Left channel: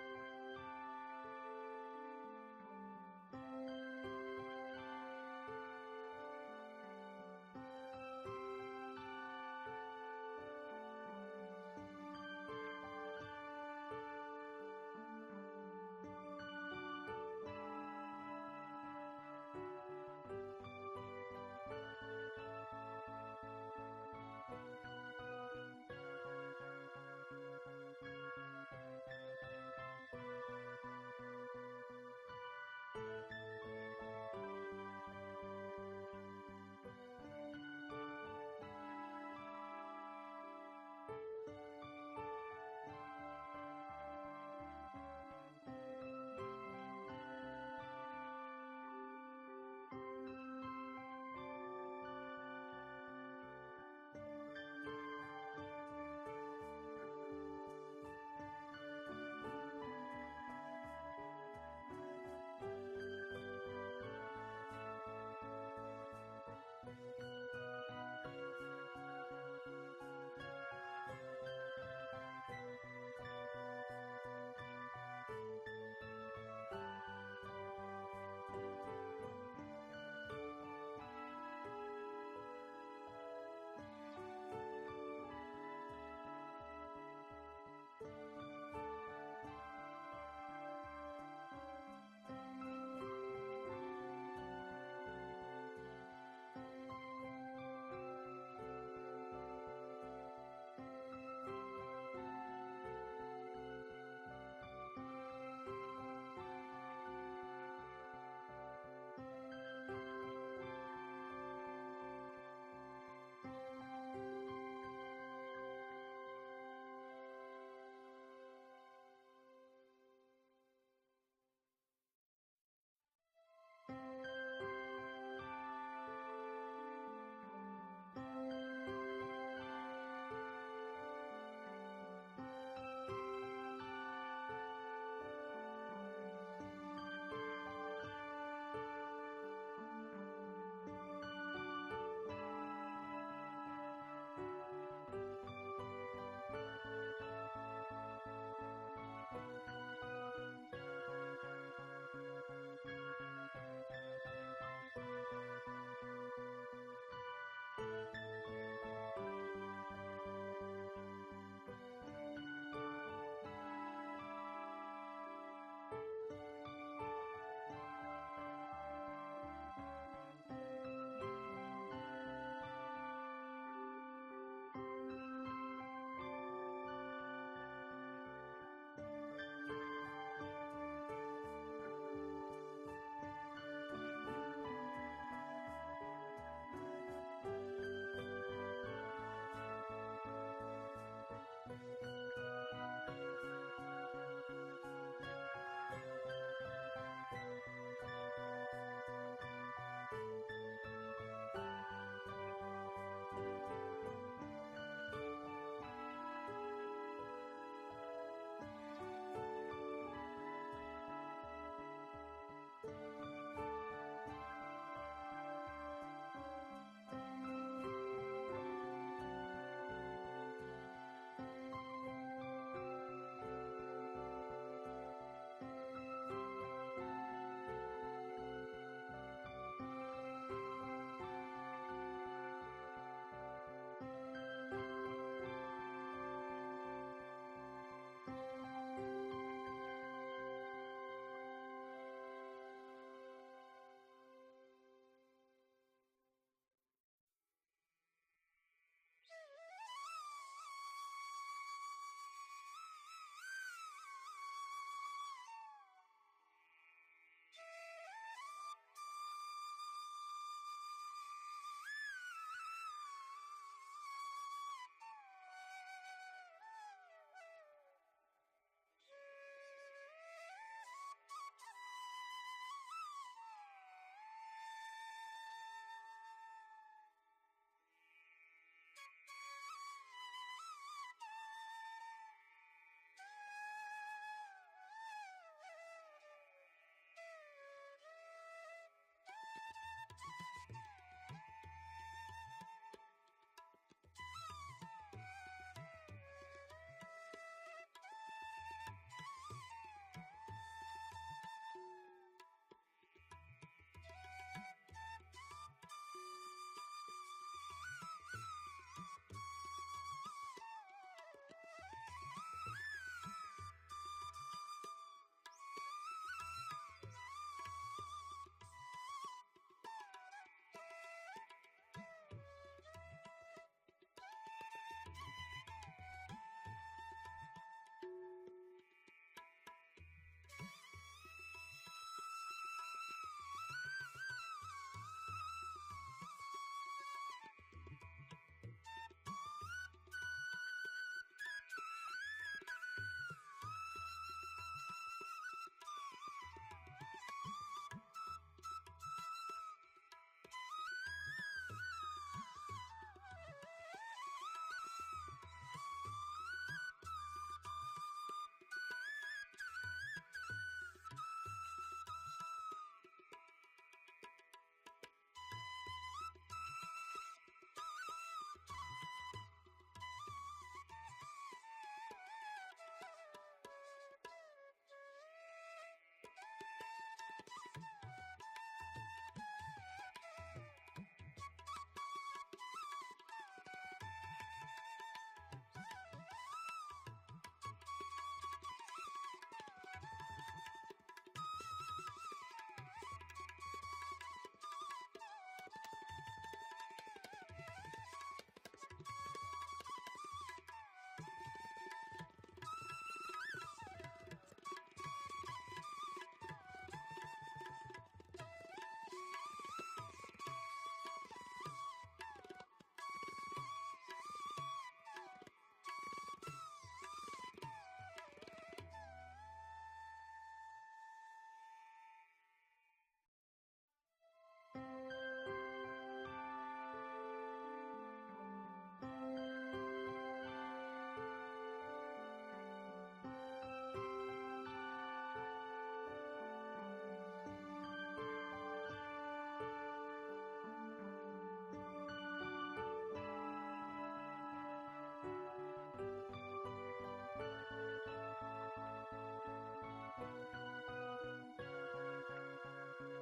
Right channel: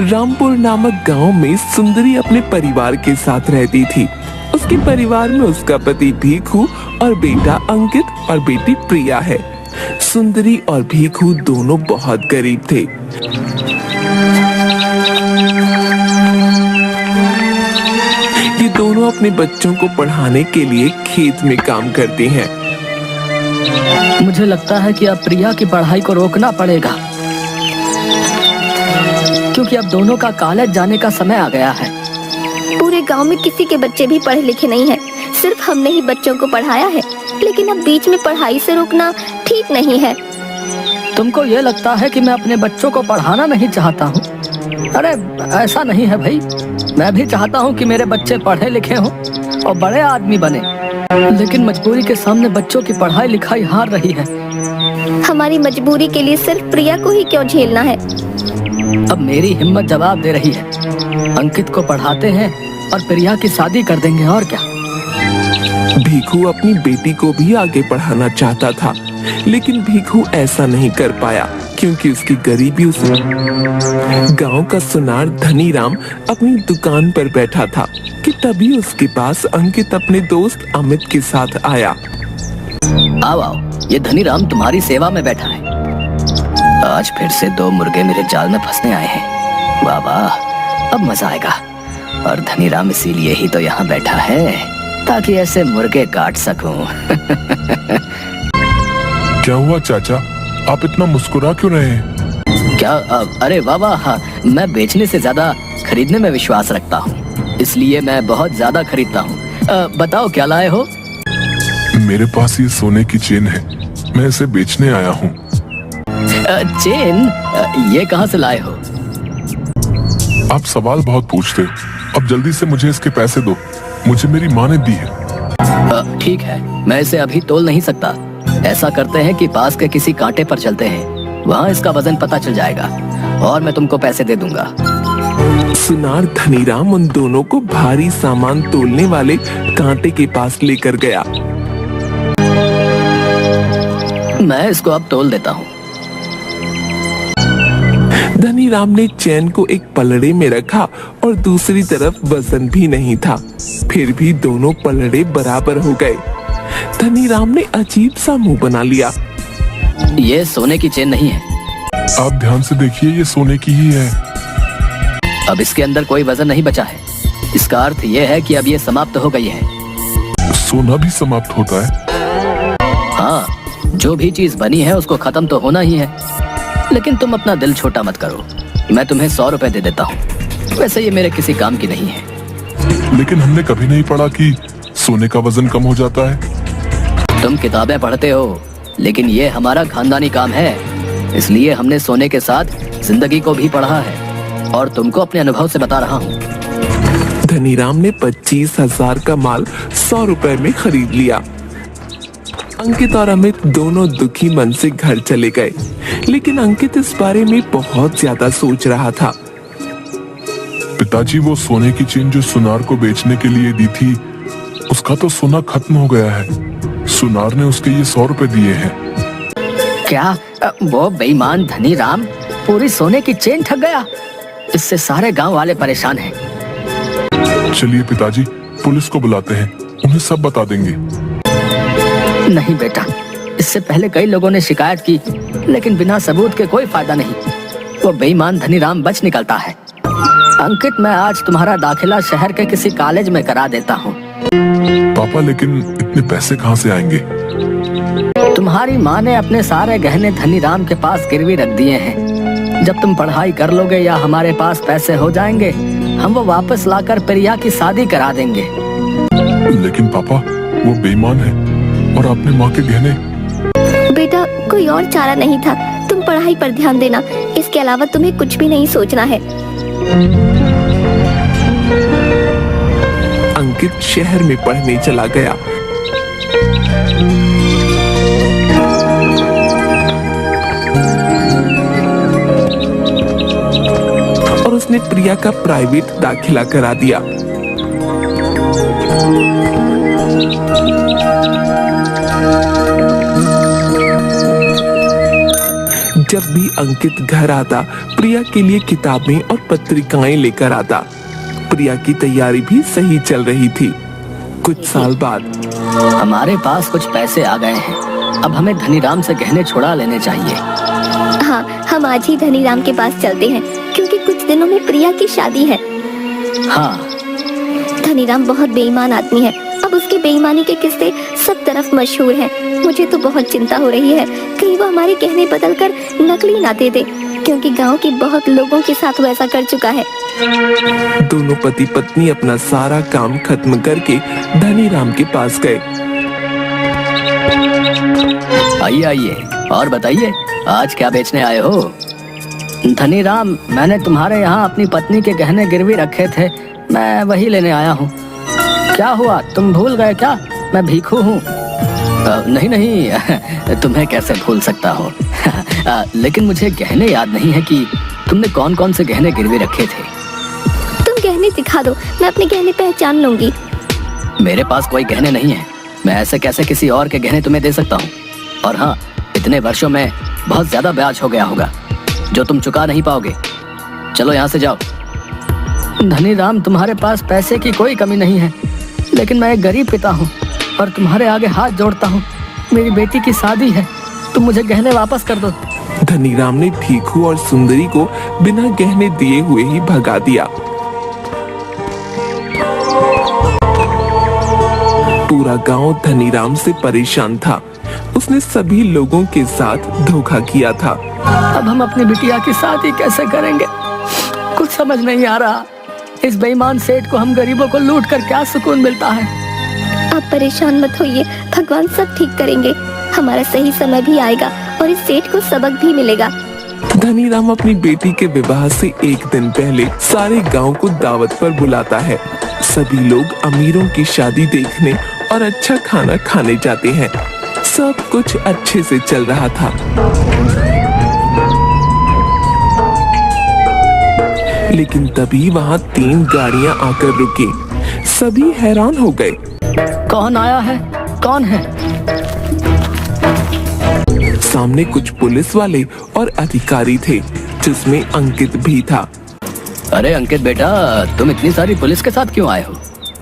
रामपुर नामक गांव में सुंदरी अपने परिवार के साथ रहती थी। उसके परिवार में उसका पति भीखू और बेटा अंकित और बेटी प्रिया है। सुंदरी और भीखू दोनों बहुत गरीब थे। ये दोनों अपने बच्चों को पढ़ाने के लिए खेत में काम करते हैं। मुझे लगता है कि अब प्रिया की पढ़ाई को रोकना पड़ेगा, क्योंकि अब दोनों का कॉलेज जाने का समय आ गया है। पूरे गांव में किसी के बच्चे भी पढ़े लिखे नहीं हैं। सिर्फ हमने ही बच्चों को पढ़ाया है, लेकिन अब बीच में पढ़ाई से रोकना ठीक नहीं है। तुमको ये लगता है कि मैं अपने बच्चों को पढ़ाना नहीं चाहता हूँ? अरे ऐसा नहीं है भाई, मैं भी चाहता हूँ कि मेरे बच्चे पढ़े लिखे हों और बड़े आदमी बने, लेकिन मजबूरी के सामने बच्चों की पढ़ाई लिखाई हार रही है। हमारी मजबूरी के लिए सिर्फ प्रिया को ही क्यों झेलना है? अब मेरी हिम्मत जवाब दे रही है। अंकित को पढ़ाते हैं और प्रिया की शादी कर देंगे, और क्या। भीखू अपनी बेटी को भी आगे पढ़ाना चाहता था, लेकिन भीखू ऐसा नहीं कर पाया क्योंकि उसकी गरीबी उसे। गांव का सुनार धनीराम अपनी दुकान पर बैठा था कि तभी उसके पास अंकित अपने दोस्त अमित के साथ आया। आओ आओ, ये धनीराम तुम्हारी सेवा में बैठा है। आज फिर से 2 मुर्गे मेरे जाल में फंसने आए हैं। वाह वाह, अब मजा आएगा। और धनीराम इसीलिए ही तो यहाँ बैठा है, ताकि ऐसे मुर्गे काट सकूं। क्या हुआ चाचा, आप इतना मुस्कुरा क्यों रहे हैं? क्या? अरे वाह वाह, हाँ, मैं बेचने से ज्यादा खरीदने में विश्वास रखता हूँ, इसलिए मैं बहुत ज्यादा खरीदता हूँ। बताओ क्या लाए हो? मेरे पास ये सोने की चेन है, मैं इसे बेचने आया हूँ। चेन? ये कहाँ से लाए हो? आप सवाल बहुत पूछते हो, अब जल्दी से मुझे इसके पैसे दो, मुझे मेरी माँ ने दी है। ठीक है, मैं इसे अभी तोल नहीं सकता। ऐसा करते हैं कि पास के किसी कांटे पर चलते हैं, वहाँ इसका वजन पता चल जाएगा और मैं तुमको पैसे दे दूंगा। सुनार धनीराम उन दोनों को भारी सामान तोलने वाले कांटे के पास लेकर गया। मैं इसको अब तोल देता हूँ। धनीराम ने चैन को एक पलड़े में रखा और दूसरी तरफ वजन भी नहीं था, फिर भी दोनों पलड़े बराबर हो गए। धनीराम ने अजीब सा मुंह बना लिया। ये सोने की चेन नहीं है। आप ध्यान से देखिए, ये सोने की ही है। अब इसके अंदर कोई वजन नहीं बचा है। इसका अर्थ ये है कि अब ये समाप्त हो गई है। सोना भी समाप्त होता है? हाँ, जो भी चीज बनी है उसको खत्म तो होना ही है। लेकिन तुम अपना दिल छोटा मत करो, मैं तुम्हें 100 रुपए दे देता हूँ। वैसे ये मेरे किसी काम की नहीं है। लेकिन हमने कभी नहीं पढ़ा कि सोने का वजन कम हो जाता है। तुम किताबें पढ़ते हो, लेकिन ये हमारा खानदानी काम है, इसलिए हमने सोने के साथ जिंदगी को भी पढ़ा है और तुमको अपने अनुभव से बता रहा हूँ। धनीराम ने 25,000 का माल 100 रुपए में खरीद लिया। अंकित और अमित दोनों दुखी मन से घर चले गए, लेकिन अंकित इस बारे में बहुत ज्यादा सोच रहा था। पिताजी, वो सोने की चेन जो सुनार को बेचने के लिए दी थी, उसका तो सोना खत्म हो गया है। सुनार ने उसके ये 100 रुपए दिए हैं। क्या? वो बेईमान धनीराम पूरी सोने की चेन ठग गया? इससे सारे गांव वाले परेशान हैं। चलिए पिताजी, पुलिस को बुलाते हैं, उन्हें सब बता देंगे। नहीं बेटा, इससे पहले कई लोगों ने शिकायत की, लेकिन बिना सबूत के कोई फायदा नहीं। वो बेईमान धनीराम बच निकलता है। अंकित, मैं आज तुम्हारा दाखिला शहर के किसी कॉलेज में करा देता हूँ। पापा, लेकिन इतने पैसे कहाँ से आएंगे? तुम्हारी माँ ने अपने सारे गहने धनीराम के पास गिरवी रख दिए हैं। जब तुम पढ़ाई कर लोगे या हमारे पास पैसे हो जाएंगे, हम वो वापस लाकर प्रिया की शादी करा देंगे। लेकिन पापा, वो बेईमान है और आपने माँ के गहने। बेटा, कोई और चारा नहीं था। तुम पढ़ाई पर ध्यान देना, इसके अलावा तुम्हें कुछ भी नहीं सोचना है। अंकित शहर में पढ़ने चला गया। और उसने प्रिया का प्राइवेट दाखिला करा दिया। जब भी अंकित घर आता प्रिया के लिए किताबें और पत्रिकाएं लेकर आता। प्रिया की तैयारी भी सही चल रही थी। कुछ साल बाद हमारे पास कुछ पैसे आ गए हैं, अब हमें धनीराम से गहने छुड़ा लेने चाहिए। हाँ, हम आज ही धनीराम के पास चलते हैं क्योंकि कुछ दिनों में प्रिया की शादी है। हाँ, धनीराम बहुत बेईमान आदमी है। अब उसकी बेईमानी के किस्से सब तरफ मशहूर हैं। मुझे तो बहुत चिंता हो रही है, कहीं वो हमारे गहने बदल कर नकली ना दे दे, क्योंकि गांव के बहुत लोगों के साथ वैसा कर चुका है। दोनों पति पत्नी अपना सारा काम खत्म करके धनीराम के पास गए। आइए आइए, और बताइए आज क्या बेचने आए हो? धनीराम, मैंने तुम्हारे यहाँ अपनी पत्नी के गहने गिरवी रखे थे, मैं वही लेने आया हूँ। क्या हुआ, तुम भूल गए क्या? मैं भीखू हूँ। नहीं नहीं, तुम्हें कैसे भूल सकता हो। लेकिन मुझे गहने याद नहीं है कि तुमने कौन कौन से गहने गिरवी रखे थे। तुम गहने दिखा दो, मैं अपने गहने पहचान लूंगी। मेरे पास कोई गहने नहीं है, मैं ऐसे कैसे किसी और के गहने तुम्हें दे सकता हूँ? और हाँ, इतने वर्षों में बहुत ज्यादा ब्याज हो गया होगा जो तुम चुका नहीं पाओगे। चलो यहाँ से जाओ। धनीराम, तुम्हारे पास पैसे की कोई कमी नहीं है, लेकिन मैं एक गरीब पिता हूँ और तुम्हारे आगे हाथ जोड़ता हूँ। मेरी बेटी की शादी है, तुम मुझे गहने वापस कर दो। धनीराम ने भीखू और सुंदरी को बिना गहने दिए हुए ही भगा दिया। पूरा गांव धनीराम से परेशान था। उसने सभी लोगों के साथ धोखा किया था। अब हम अपनी बिटिया की शादी कैसे करेंगे? कुछ समझ नहीं आ रहा। इस बेईमान सेठ को हम गरीबों को लूट कर क्या सुकून मिलता है? आप परेशान मत होइए, भगवान सब ठीक करेंगे। हमारा सही समय भी आएगा और इस सेठ को सबक भी मिलेगा। धनीराम अपनी बेटी के विवाह से एक दिन पहले सारे गांव को दावत पर बुलाता है। सभी लोग अमीरों की शादी देखने और अच्छा खाना खाने जाते हैं। सब कुछ अच्छे से चल रहा था, लेकिन तभी वहाँ 3 गाड़ियाँ आकर रुकी। सभी हैरान हो गए। कौन आया है? कौन है? सामने कुछ पुलिस वाले और अधिकारी थे, जिसमें अंकित भी था। अरे अंकित बेटा, तुम इतनी सारी पुलिस के साथ क्यों आए हो?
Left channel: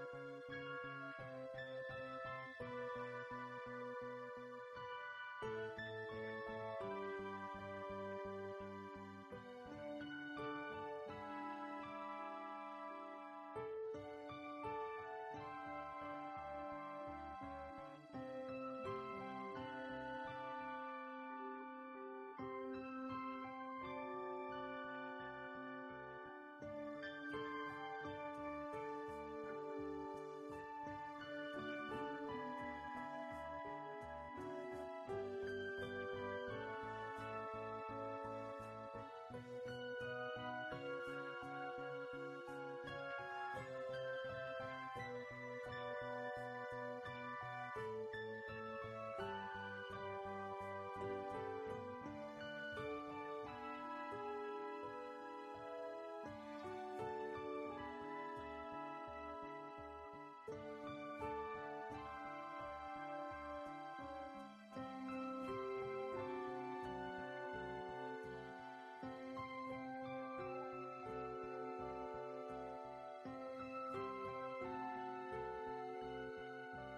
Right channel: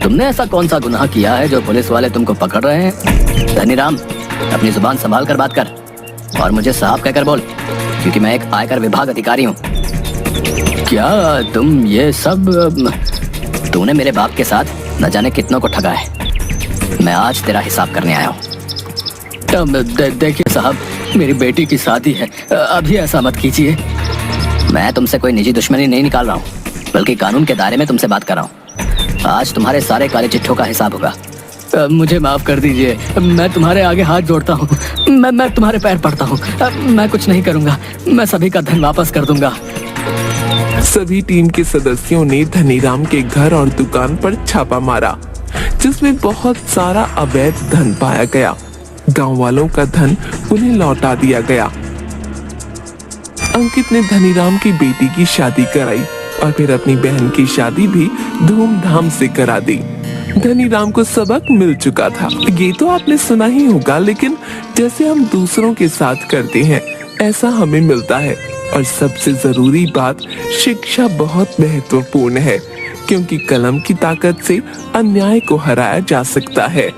तुमने ऐसा कौन सा गुनाह किया है जो पुलिस वाले तुमको पकड़ रहे हैं? धनीराम, अपनी जुबान संभाल कर बात कर और मुझे साहब कहकर बोल, क्योंकि मैं एक आयकर विभाग अधिकारी हूँ। क्या तुम ये सब? तूने मेरे बाप के साथ न जाने कितनों को ठगा है। मैं आज तेरा हिसाब करने आया हूँ। देखिए साहब, मेरी बेटी की शादी है, अभी ऐसा मत कीजिए। मैं तुमसे कोई निजी दुश्मनी नहीं निकाल रहा हूँ, बल्कि कानून के दायरे में तुमसे बात कर रहा हूँ। आज तुम्हारे सारे काले चिट्ठों का हिसाब होगा। मुझे माफ कर दीजिए, मैं तुम्हारे आगे हाथ जोड़ता हूँ। मैं तुम्हारे पैर पड़ता हूँ। मैं कुछ नहीं करूँगा, मैं सभी का धन वापस कर दूंगा। सभी टीम के सदस्यों ने धनीराम के घर और दुकान पर छापा मारा, जिसमें बहुत सारा अवैध धन पाया गया। गांव वालों का धन उन्हें लौटा दिया गया। अंकित ने धनीराम की बेटी की शादी कराई और फिर अपनी बहन की शादी भी धूमधाम से करा दी। धनीराम को सबक मिल चुका था। ये तो आपने सुना ही होगा, लेकिन जैसे हम दूसरों के साथ करते हैं, ऐसा हमें मिलता है। और सबसे जरूरी बात, शिक्षा बहुत महत्वपूर्ण है, क्योंकि कलम की ताकत से अन्याय को हराया जा सकता है।